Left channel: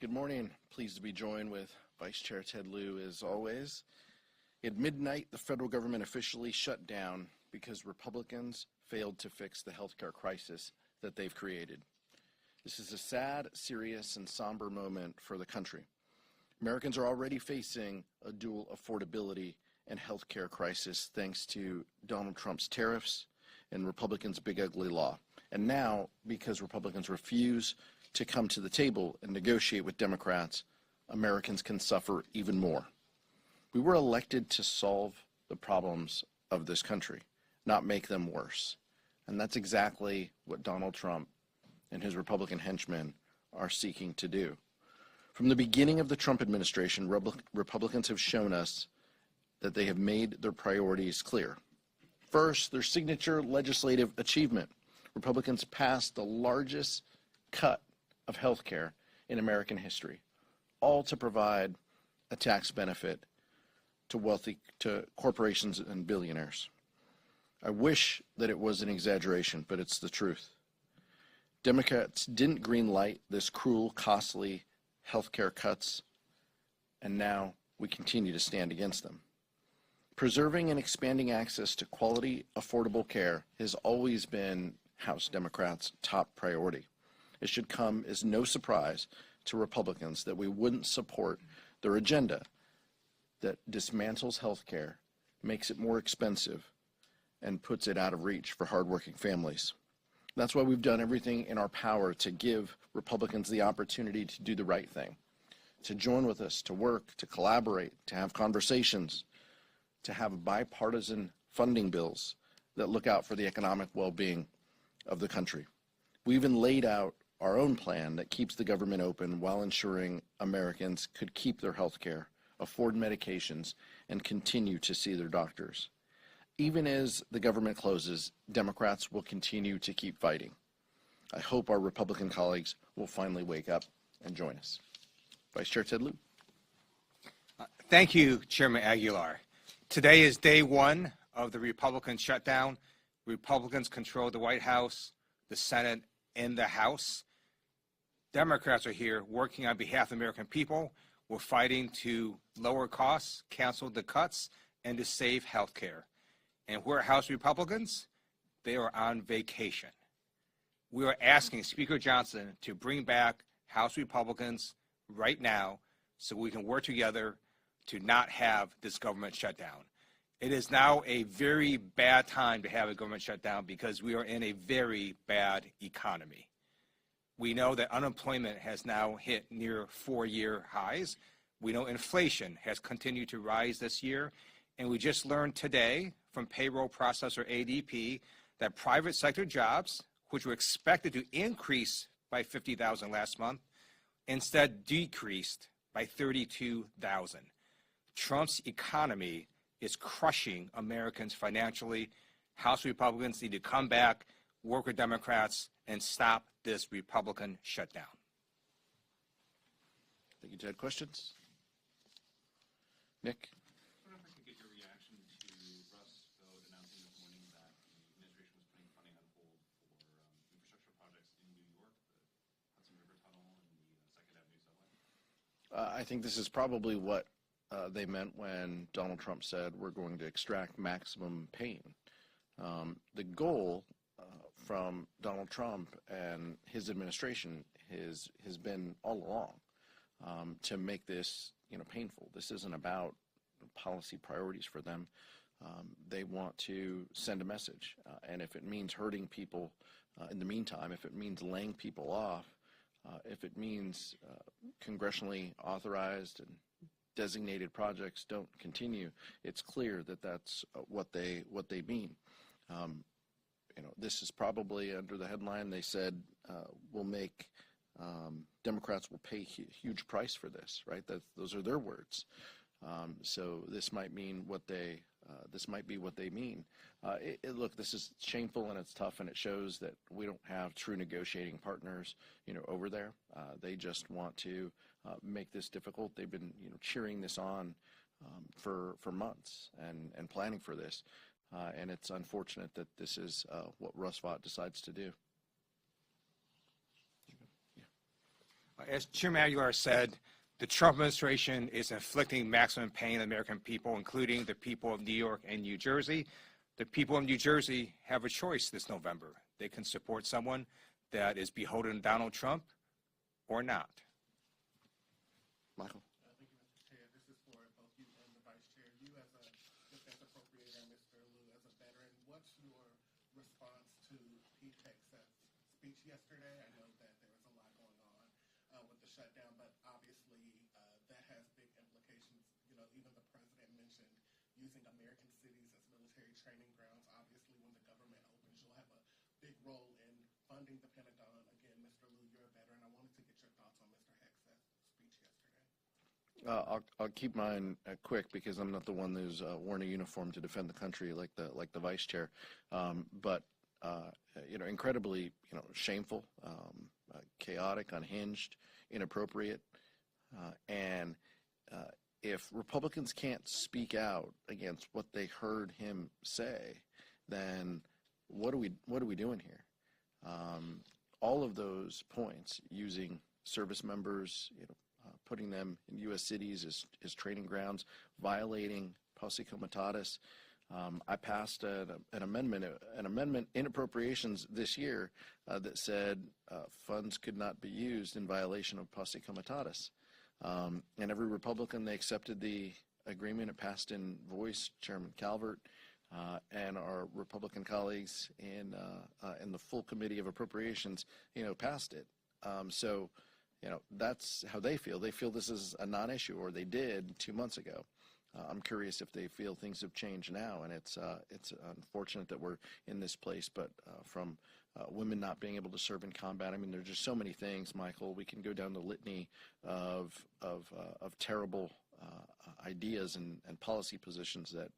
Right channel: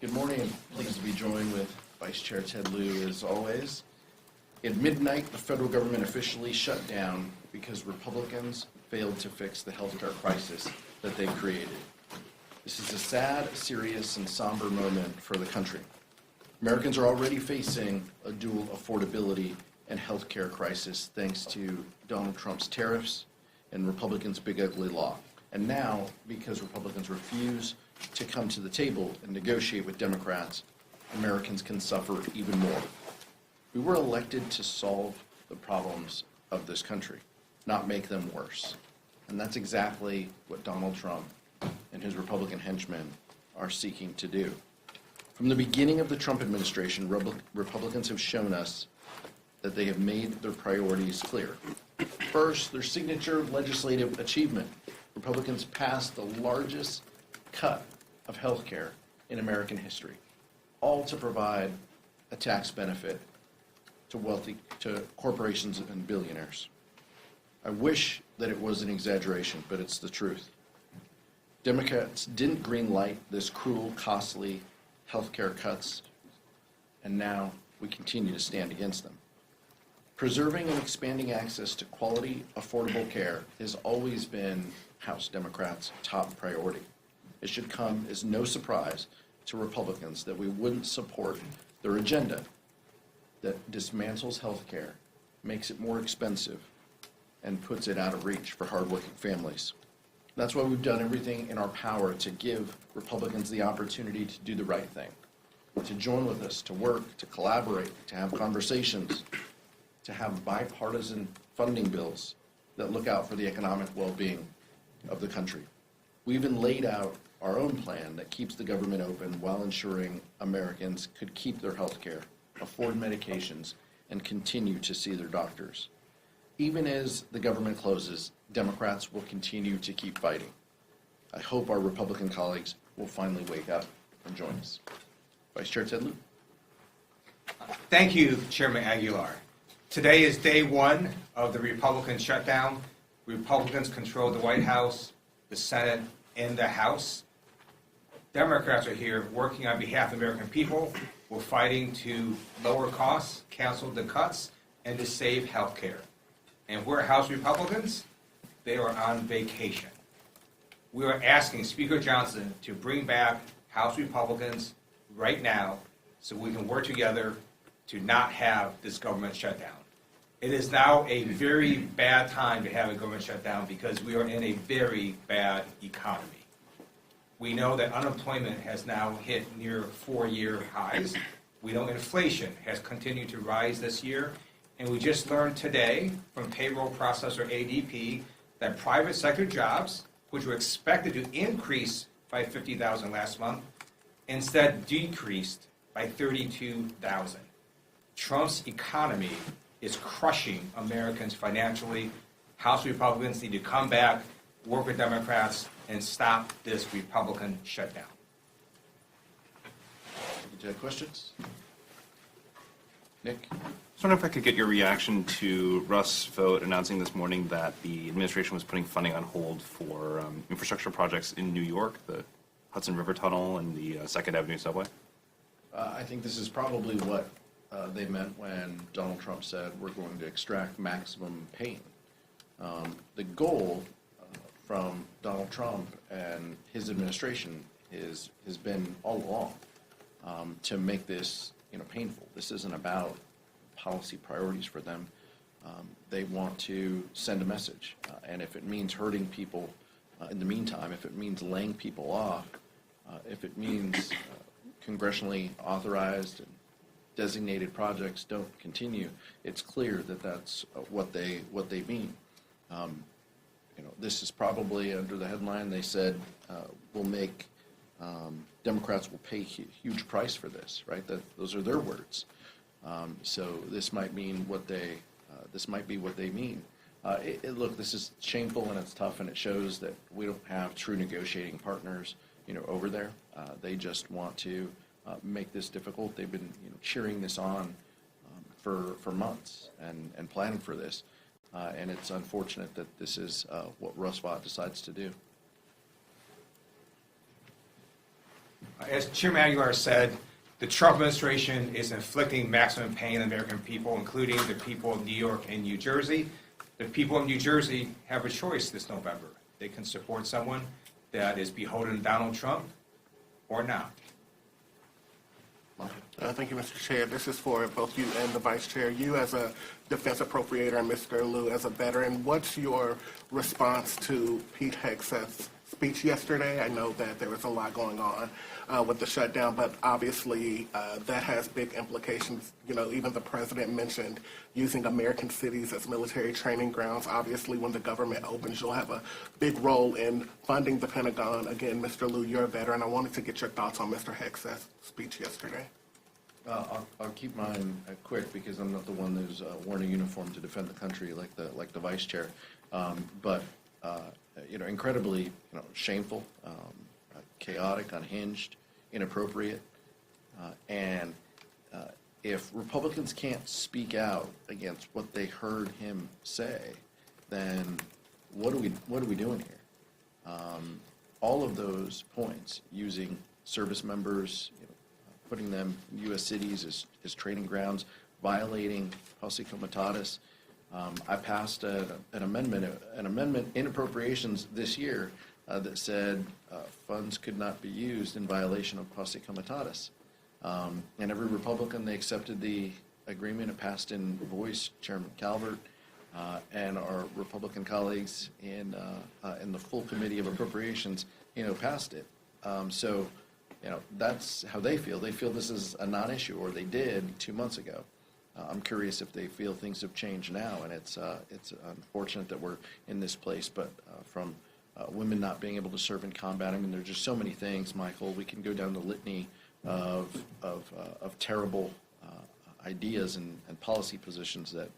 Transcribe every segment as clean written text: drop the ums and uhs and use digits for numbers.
Good morning. Pleased to be joined with Vice Chair Ted Lieu as always. At midnight, the federal government officially shut down because Republicans failed to fix the healthcare crisis that they created. This is a sad, serious, and somber moment for the country. Americans are already facing a dual affordability and healthcare crisis thanks to Donald Trump's tariffs and Republicans' big ugly law. And now, because Republicans refuse to come to the table and negotiate with Democrats, Americans can suffer even more. We were elected to solve the problems of this country, not make them worse. And that's exactly what Donald Trump and his Republican henchmen are seeking to do. From the beginning of the Trump administration, Republicans have shown us that they have made their priorities clear. First, their signature legislative achievement. Republicans passed the largest cut of health care in American history, all to provide a tax benefit to corporations and billionaires. I wish that it was an exaggeration, but it's the truth. Democrats didn't greenlight this cruel, costly health care cuts, and now we continue to stand against them. Preserving and expanding access to quality, affordable care has always been House Democrats' top priority. It should come as no surprise to Republicans that we wouldn't support their agenda that dismantles health care, makes it more expensive, and puts it out of reach for hardworking families. That's why we've done everything in our power to give Republicans the opportunity to do the right thing, to join with us, to work, to collaborate, to have conversations, to have bipartisan funding bills that look out for the economic well-being of the country. We even laid out our own plan that keeps the government open while ensuring Americans could keep their health care, afford medications, and continue to see their doctors. Even as the government closes, Democrats will continue to keep fighting. I hope our Republican colleagues will finally wake up and join us. Vice Chair Ted Lieu. Thank you, Chairman Aguilar. Today is day one of the Republican shutdown. Republicans control the White House, the Senate, and the House. Democrats are here working on behalf of the American people. We're fighting to lower costs, cancel the cuts, and to save health care. And we're House Republicans. They are on vacation. We are asking Speaker Johnson to bring back House Republicans right now so we can work together to not have this government shutdown. It is now a very bad time to have a government shutdown because we are in a very bad economy. We know that unemployment has now hit near 4-year highs. We know inflation has continued to rise this year. And we just learned today from payroll processor ADP that private sector jobs, which were expected to increase by 50,000 last month, instead decreased by 32,000. Trump's economy is crushing Americans financially. House Republicans need to come back, work with Democrats, and stop this Republican shutdown. Thank you, Ted. Questions? Nick? I was wondering if I could get your reaction to Russ Vought announcing this morning that the administration was putting funding on hold for infrastructure projects in New York, the Hudson River Tunnel and the 2nd Avenue subway. I think this is probably what they meant when Donald Trump said we're going to extract maximum pain. The goal from Donald Trump and his administration has been all along to make this painful. This isn't about policy priorities for them. They want to send a message, and if it means hurting people in the meantime, if it means laying people off, if it means congressionally authorized and designated projects don't continue, it's clear that that's what they mean. This is probably under the headline they said will make Democrats will pay a huge price for this, right? Those are their words. So this might mean what they mean. Look, this is shameful and it's tough, and it shows that we don't have true negotiating partners, over there. They just want to make this difficult. They've been cheering this on for months and planning for this, and it's unfortunate that this is what Russ Vought decides to do. As Chairman Aguilar said, the Trump administration is inflicting maximum pain on the American people, including the people of New York and New Jersey. The people of New Jersey have a choice this November. They can support someone that is beholden to Donald Trump or not. Thank you, Mr. Chair. This is for both you and the Vice Chair. You as a defense appropriator and Mr. Lieu as a veteran, what's your response to Pete Hegseth's speech yesterday? I know that there was a lot going on with the shutdown, but obviously that has big implications. You know, even the president mentioned using American cities as military training grounds. Obviously, when the government opens, you'll have a big role in funding the Pentagon. Again, Mr. Lieu, you're a veteran. I wanted to get your thoughts on Mr. Hegseth's speech yesterday. I'll keep mine quick because I'm not the one who's worn a uniform to defend the country like the vice chair. But incredibly, shameful, chaotic, unhinged, inappropriate, and if Republicans can't speak out against what they heard him say, then what are we doing here? All of those points, using service members, putting them in U.S. cities as training grounds, violating posse comitatus. I passed an amendment in appropriations this year that said funds could not be used in violation of posse comitatus. And every Republican, they accepted the agreement. It passed in voice. Chairman Calvert and our Republican colleagues in the full committee of appropriations, passed it. So that's how they feel. They feel this is a non-issue, or they did 2 months ago. I'm curious if they feel things have changed now, and it's unfortunate that we're in this place. But from women not being able to serve in combat, I mean, there's just so many things, Michael. We can go down the litany of terrible ideas and policy positions that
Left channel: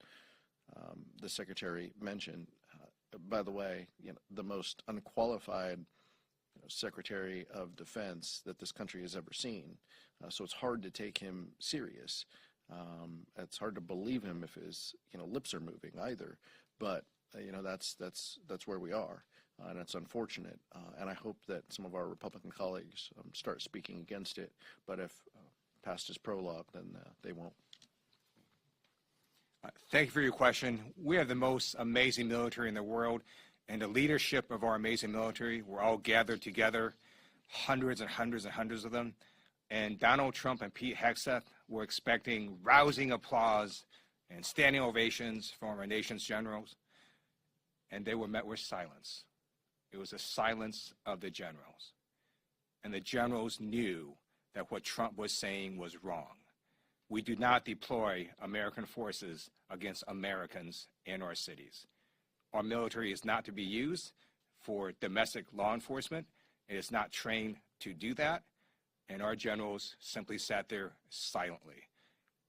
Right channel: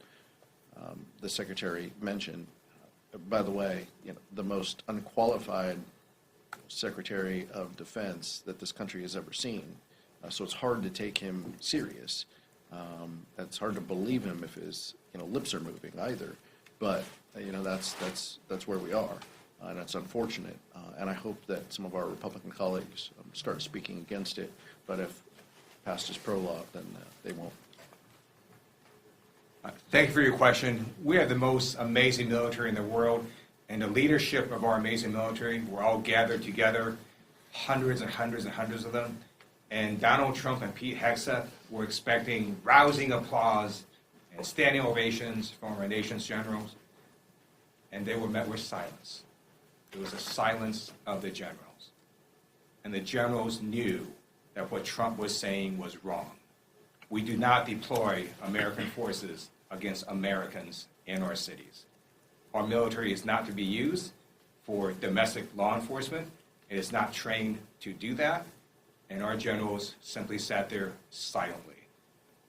the Secretary mentioned. By the way, the most unqualified Secretary of Defense that this country has ever seen. So it's hard to take him serious. It's hard to believe him if his lips are moving either. But that's where we are, and it's unfortunate. And I hope that some of our Republican colleagues start speaking against it. But if past is prologue, then they won't. Thank you for your question. We have the most amazing military in the world. And the leadership of our amazing military, we're all gathered together, hundreds and hundreds and hundreds of them. And Donald Trump and Pete Hegseth were expecting rousing applause and standing ovations from our nation's generals. And they were met with silence. It was a silence of the generals. And the generals knew that what Trump was saying was wrong. We do not deploy American forces against Americans in our cities. Our military is not to be used for domestic law enforcement. It is not trained to do that, and our generals simply sat there silently.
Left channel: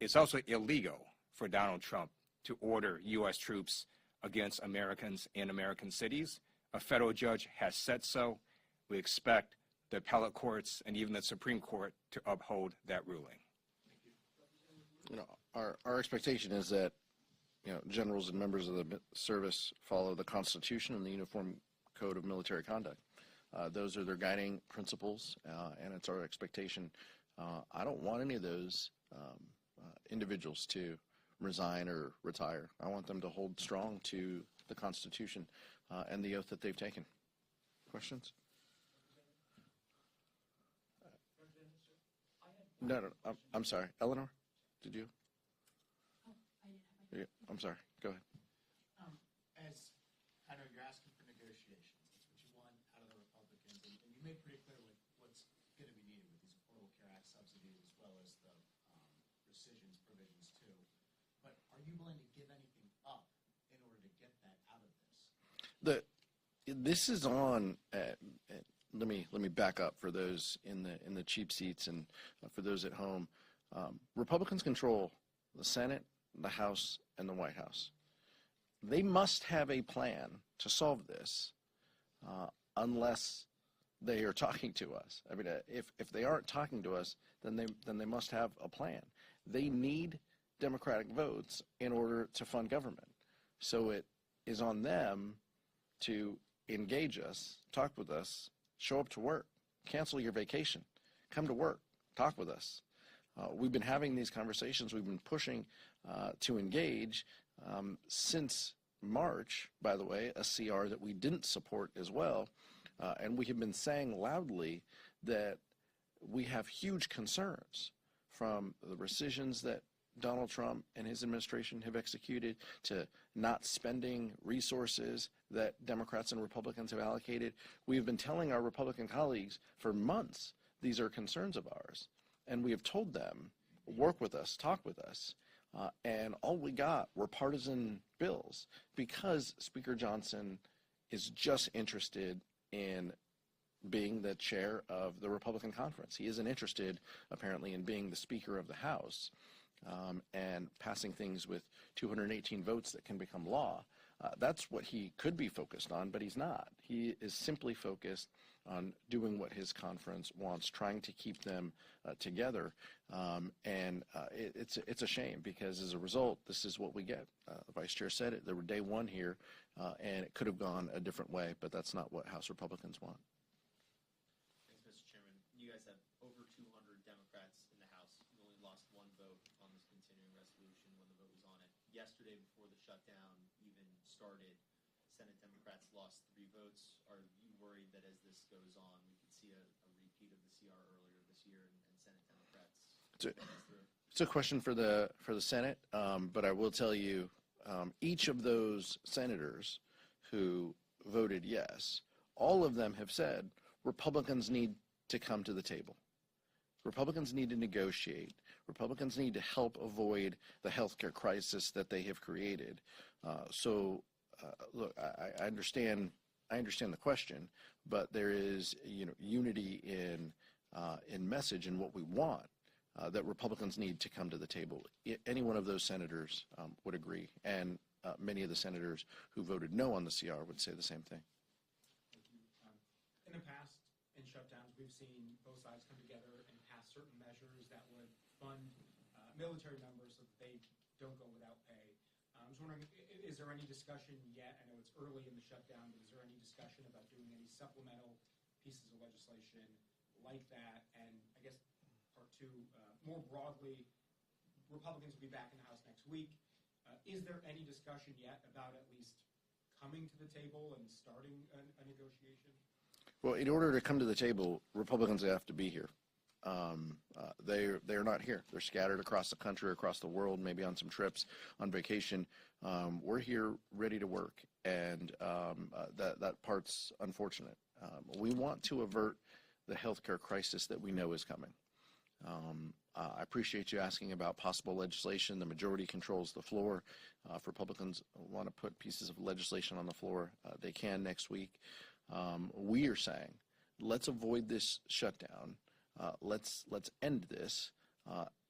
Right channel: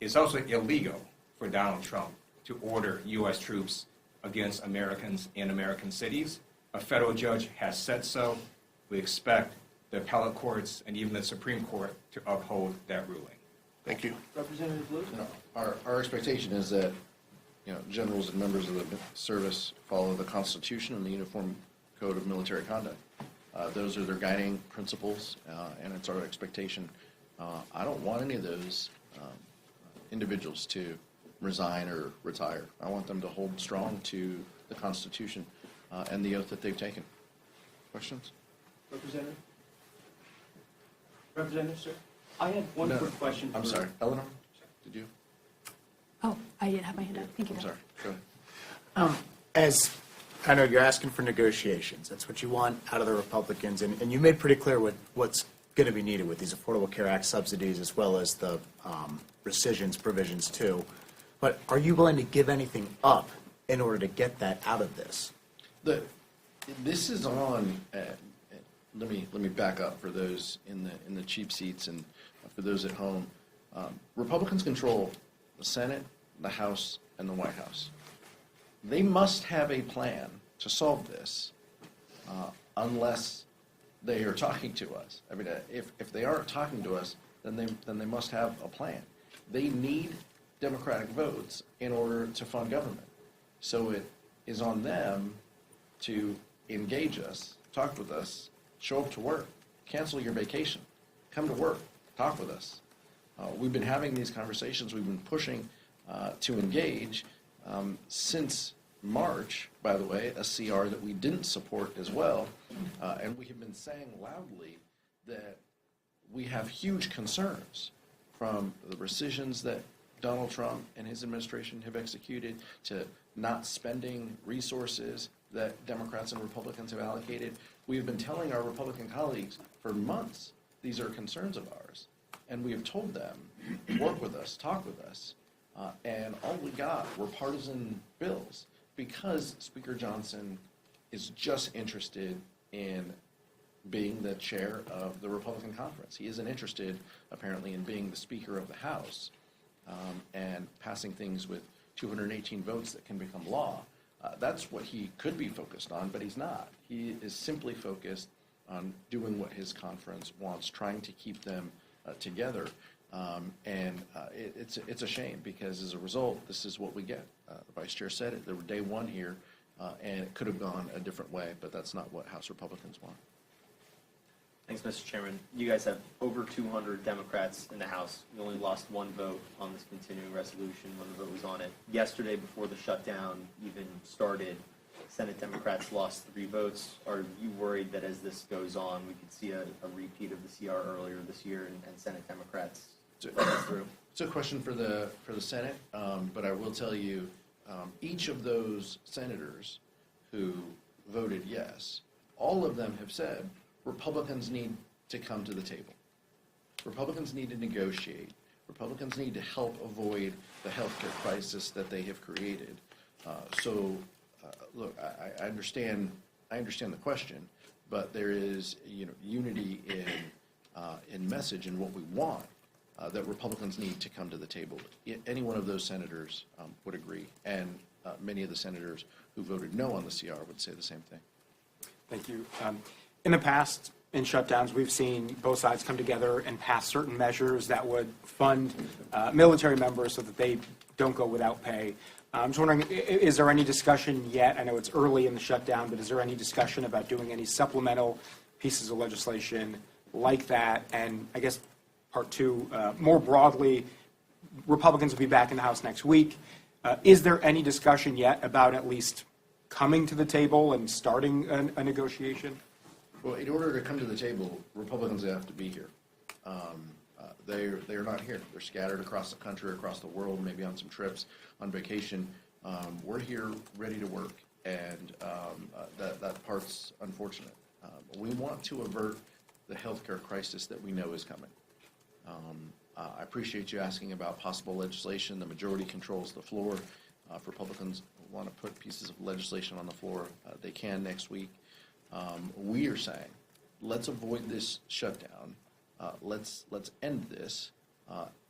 It's also illegal for Donald Trump to order U.S. troops against Americans in American cities. A federal judge has said so. We expect the appellate courts and even the Supreme Court to uphold that ruling. Thank you. Representative Lieu? Our expectation is that generals and members of the service follow the Constitution and the Uniform Code of Military Conduct. Those are their guiding principles, and it's our expectation. I don't want any of those individuals to resign or retire. I want them to hold strong to the Constitution and the oath that they've taken. Questions? Representative? Representative, sir? I had one No, quick question. I'm sorry. Eleanor, did you? Oh, I didn't have my hand up. Thank you. I'm sorry. Go ahead. As I know, you're asking for negotiations. That's what you want out of the Republicans, and you made pretty clear what's going to be needed with these Affordable Care Act subsidies as well as the rescissions provisions too. But are you willing to give anything up in order to get that out of this? This is on. Let me back up for those in the cheap seats and for those at home. Republicans control the Senate, the House, and the White House. They must have a plan to solve this, unless they are talking to us. I mean, if they aren't talking to us, then they must have a plan. They need Democratic votes in order to fund government. So it is on them to engage us, talk with us, show up to work, cancel your vacation, come to work, talk with us. We've been having these conversations, we've been pushing to engage since March, by the way, a CR that we didn't support as well. And we have been saying loudly that we have huge concerns from the rescissions that Donald Trump and his administration have executed to not spending resources that Democrats and Republicans have allocated. We have been telling our Republican colleagues for months these are concerns of ours. And we have told them, work with us, talk with us. And all we got were partisan bills because Speaker Johnson is just interested in being the chair of the Republican conference. He isn't interested, apparently, in being the Speaker of the House and passing things with 218 votes that can become law. That's what he could be focused on, but he's not. He is simply focused on doing what his conference wants, trying to keep them together. It's a shame because as a result, this is what we get. The Vice Chair said it. There were day one here, and it could have gone a different way, but that's not what House Republicans want. Thanks, Mr. Chairman. You guys have over 200 Democrats in the House. You only lost one vote on this continuing resolution when the vote was on it. Yesterday, before the shutdown even started, Senate Democrats lost 3 votes. Are you worried that as this goes on, we could see a repeat of the CR earlier this year and Senate Democrats vote this through? It's a question for the Senate, but I will tell you, each of those senators who voted yes, all of them have said Republicans need to come to the table. Republicans need to negotiate. Republicans need to help avoid the healthcare crisis that they have created. Look, I understand the question, but there is unity in message and what we want that Republicans need to come to the table. Any one of those senators would agree, and many of the senators who voted no on the CR would say the same thing. Thank you. In the past, in shutdowns, we've seen both sides come together and pass certain measures that would fund military members so that they don't go without pay. I'm just wondering, is there any discussion yet? I know it's early in the shutdown, but is there any discussion about doing any supplemental pieces of legislation like that? And I guess part two, more broadly, Republicans will be back in the House next week. Is there any discussion yet about at least coming to the table and starting a negotiation? Well, in order to come to the table, Republicans have to be here. They're not here. They're scattered across the country, across the world, maybe on some trips, on vacation. We're here ready to work, and that part's unfortunate. We want to avert the healthcare crisis that we know is coming. I appreciate you asking about possible legislation. The majority controls the floor. If Republicans want to put pieces of legislation on the floor, they can next week. We are saying, let's avoid this shutdown. Let's end this,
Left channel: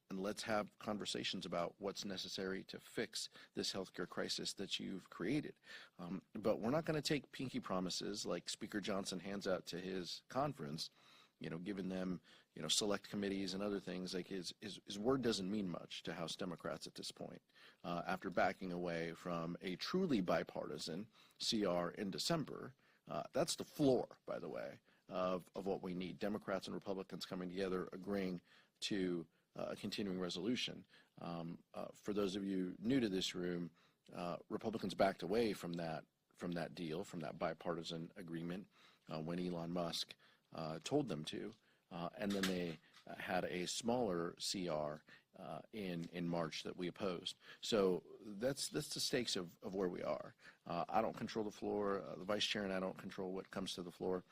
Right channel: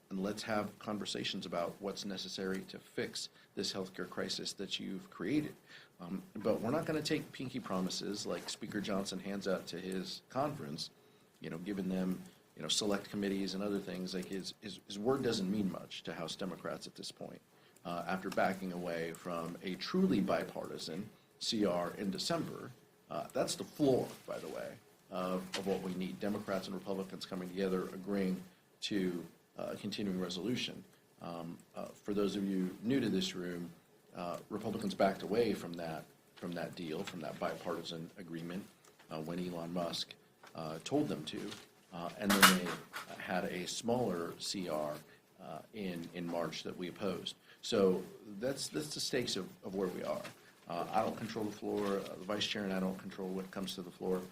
and let's have conversations about what's necessary to fix this healthcare crisis that you've created. But we're not going to take pinky promises like Speaker Johnson hands out to his conference, giving them, select committees and other things. Like his word doesn't mean much to House Democrats at this point. After backing away from a truly bipartisan CR in December, that's the floor, by the way, of what we need. Democrats and Republicans coming together, agreeing to a continuing resolution. For those of you new to this room, Republicans backed away from that deal, from that bipartisan agreement, when Elon Musk told them to, and then they had a smaller CR in March that we opposed. So that's the stakes of where we are. I don't control the floor. The Vice Chair and I don't control what comes to the floor.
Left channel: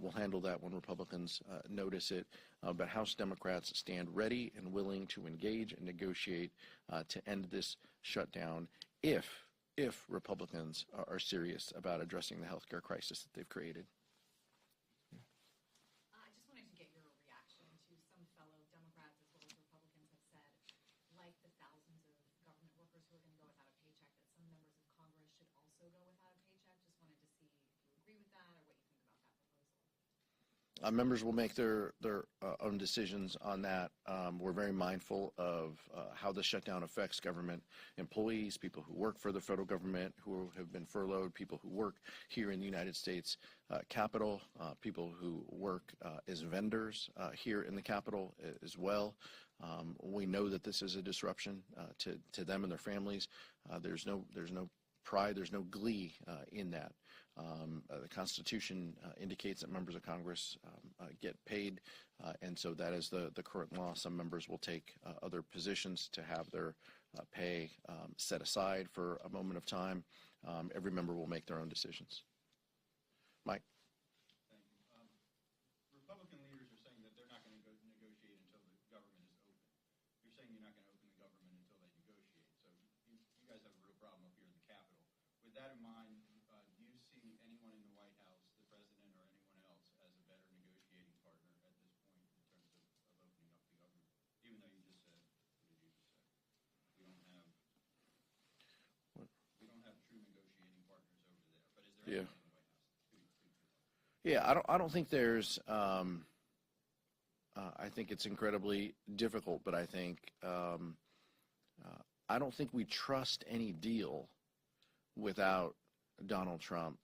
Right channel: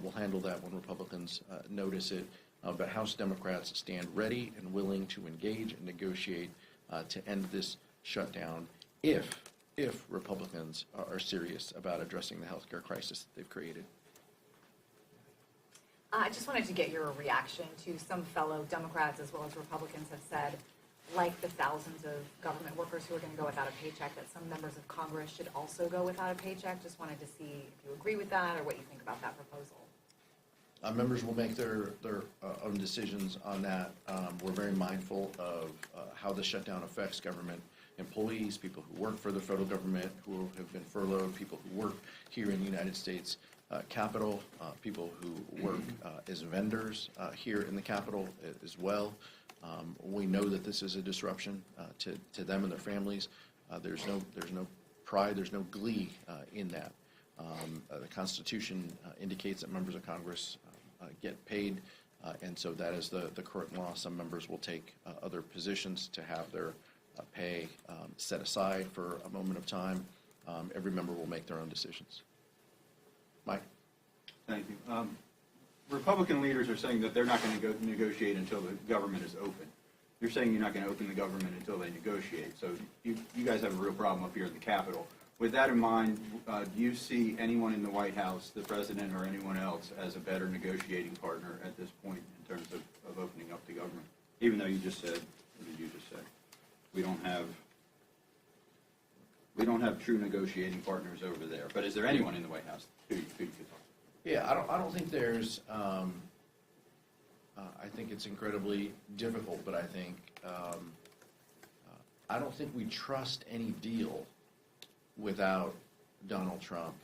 We'll handle that when Republicans notice it. But House Democrats stand ready and willing to engage and negotiate to end this shutdown if Republicans are serious about addressing the healthcare crisis that they've created. I just wanted to get your reaction to some fellow Democrats as well as Republicans have said, like the thousands of government workers who are going to go without a paycheck, that some members of Congress should also go without a paycheck. Just wanted to see if you agree with that or what you think about that proposal. Members will make their own decisions on that. We're very mindful of how the shutdown affects government employees, people who work for the federal government, who have been furloughed, people who work here in the United States Capitol, people who work as vendors here in the Capitol as well. We know that this is a disruption to them and their families. There's no pride, there's no glee in that. The Constitution indicates that members of Congress get paid, and so that is the current law. Some members will take other positions to have their pay set aside for a moment of time. Every member will make their own decisions. Mike? Thank you. Republican leaders are saying that they're not going to negotiate until the government is open. You're saying you're not going to open the government until they negotiate. So you guys have a real problem up here in the Capitol. With that in mind, do you see anyone in the White House, the president or anyone else, as a better negotiating partner at this point in terms of opening up the government? Even though you just said, what did you just say? We don't have true negotiating partners over there. But is there anyone in the White House who you could talk to? Yeah, I don't think there's. I think it's incredibly difficult, but I think I don't think we trust any deal without Donald Trump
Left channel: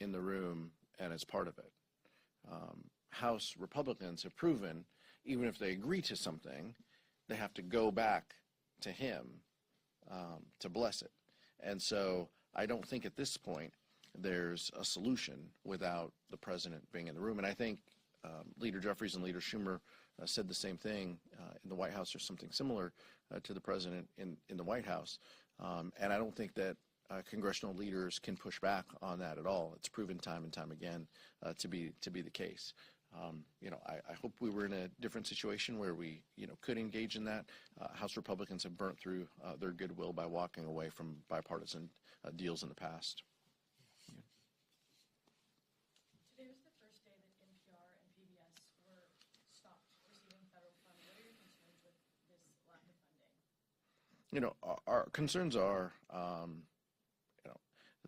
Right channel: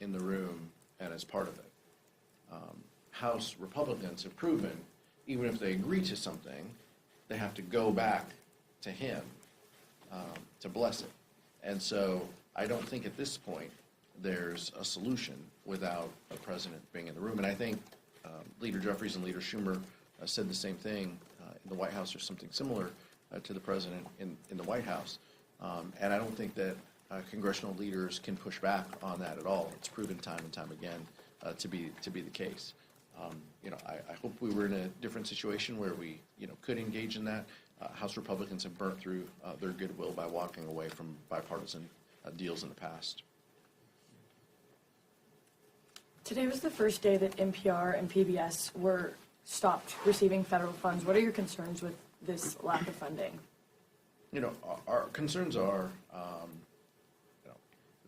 in the room and as part of it. House Republicans have proven, even if they agree to something, they have to go back to him to bless it. And so I don't think at this point there's a solution without the president being in the room. And I think Leader Jeffries and Leader Schumer said the same thing in the White House, or something similar to the president in the White House. And I don't think that congressional leaders can push back on that at all. It's proven time and time again to be the case. I hope we were in a different situation where we could engage in that. House Republicans have burnt through their goodwill by walking away from bipartisan deals in the past. Today was the first day that NPR and PBS were stopped receiving federal funds. What are your concerns with this lack of funding? Our concerns are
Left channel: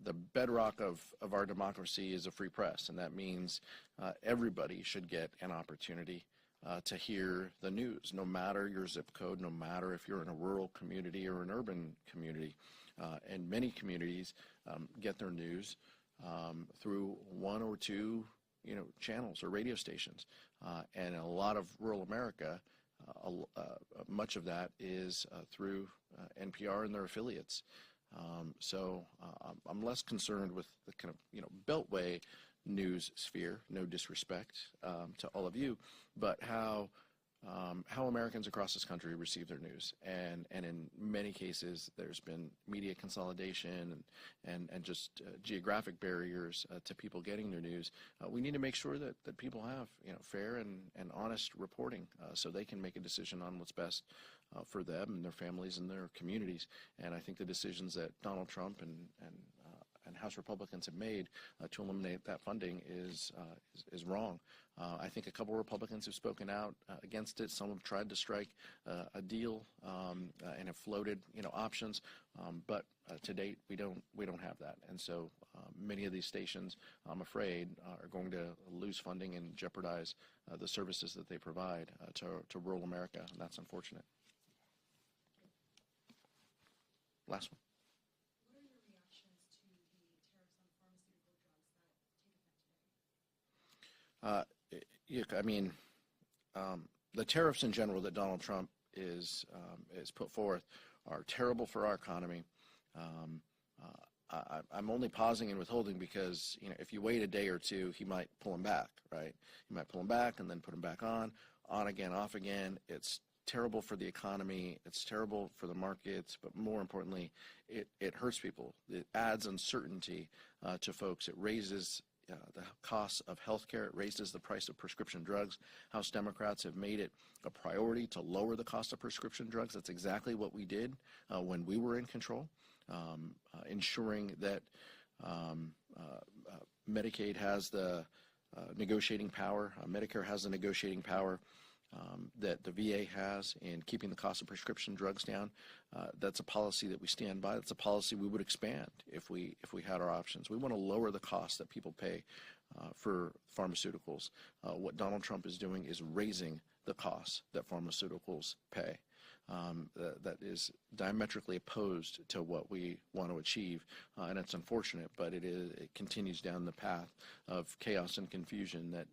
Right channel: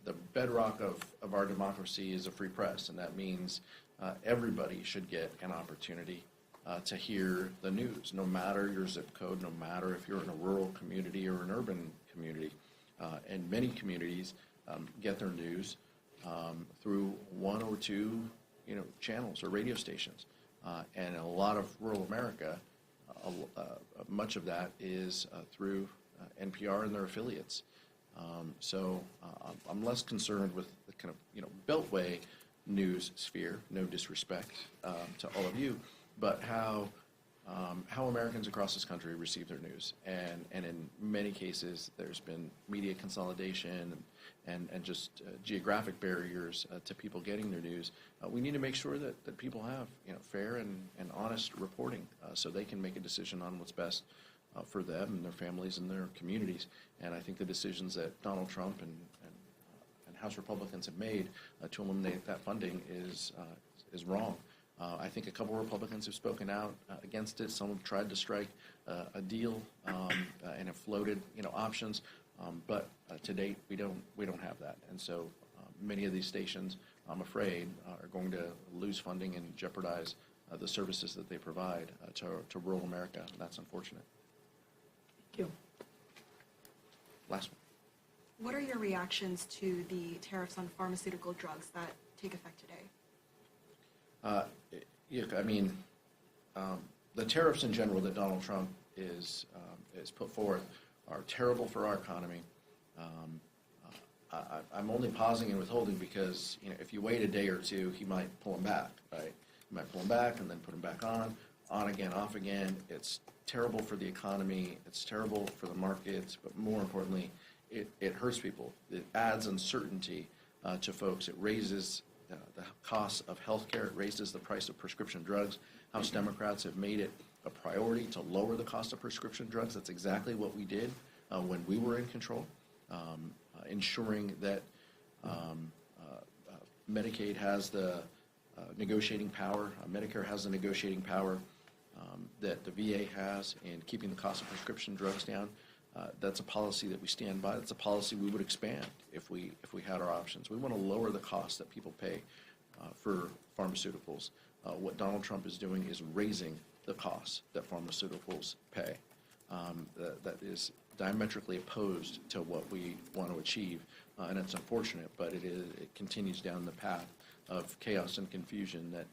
the bedrock of our democracy is a free press, and that means everybody should get an opportunity to hear the news, no matter your zip code, no matter if you're in a rural community or an urban community. And many communities get their news through one or two, channels or radio stations. And a lot of rural America, much of that is through NPR and their affiliates. So I'm less concerned with the kind of, Beltway news sphere, no disrespect to all of you, but how Americans across this country receive their news. And in many cases, there's been media consolidation and just geographic barriers to people getting their news. We need to make sure that people have fair and honest reporting so they can make a decision on what's best for them and their families and their communities. And I think the decisions that Donald Trump and House Republicans have made to eliminate that funding is wrong. I think a couple of Republicans have spoken out against it. Some have tried to strike a deal and have floated, options. But to date, we don't have that. And so many of these stations, I'm afraid, are going to lose funding and jeopardize the services that they provide to rural America. And that's unfortunate. Thank you. Last one. What are your reactions to the tariffs on pharmaceutical drugs that take effect today? The tariffs in general that Donald Trump is put forth are terrible for our economy. I'm only pausing and withholding because if you wait a day or two, he might pull them back, right? He might pull them back and then put them back on again, off again. It's terrible for the economy. It's terrible for the markets, but more importantly, it hurts people. It adds uncertainty to folks. It raises the cost of health care. It raises the price of prescription drugs. House Democrats have made it a priority to lower the cost of prescription drugs. That's exactly what we did when we were in control, ensuring that Medicaid has the negotiating power, Medicare has the negotiating power that the VA has in keeping the cost of prescription drugs down. That's a policy that we stand by. That's a policy we would expand if we had our options. We want to lower the cost that people pay for pharmaceuticals. What Donald Trump is doing is raising the cost that pharmaceuticals pay. that is diametrically opposed to what we want to achieve, and it's unfortunate, but it continues down the path of chaos and confusion that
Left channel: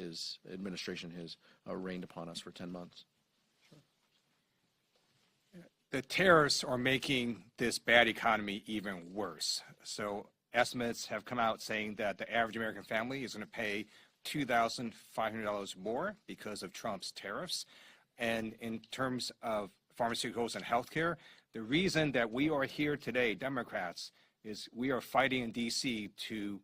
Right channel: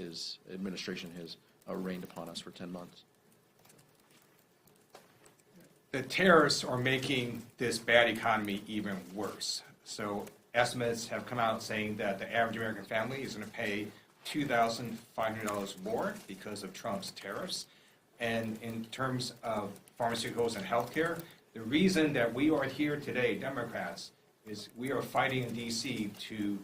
his administration has rained upon us for 10 months. The tariffs are making this bad economy even worse. So estimates have come out saying that the average American family is going to pay $2,500 more because of Trump's tariffs. And in terms of pharmaceuticals and healthcare, the reason that we are here today, Democrats, is we are fighting in D.C. to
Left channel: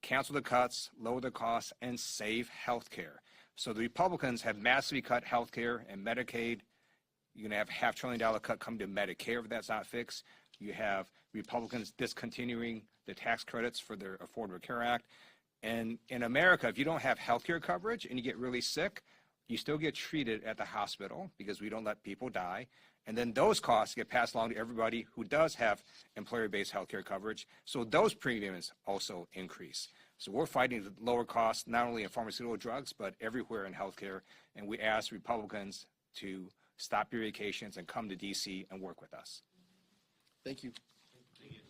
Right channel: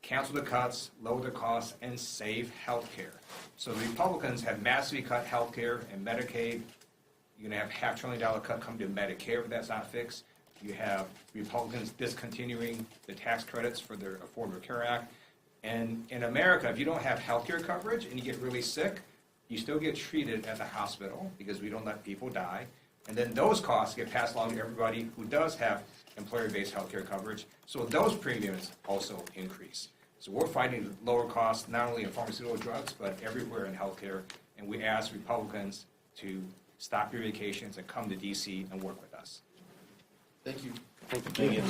cancel the cuts, lower the costs, and save healthcare. So the Republicans have massively cut healthcare and Medicaid. You're going to have a $500 billion cut come to Medicare if that's not fixed. You have Republicans discontinuing the tax credits for their Affordable Care Act. And in America, if you don't have health care coverage and you get really sick, you still get treated at the hospital because we don't let people die. And then those costs get passed along to everybody who does have employer-based health care coverage. So those premiums also increase. So we're fighting the lower costs, not only in pharmaceutical drugs, but everywhere in healthcare. And we ask Republicans to stop your vacations and come to D.C. and work with us. Thank you. Thank you.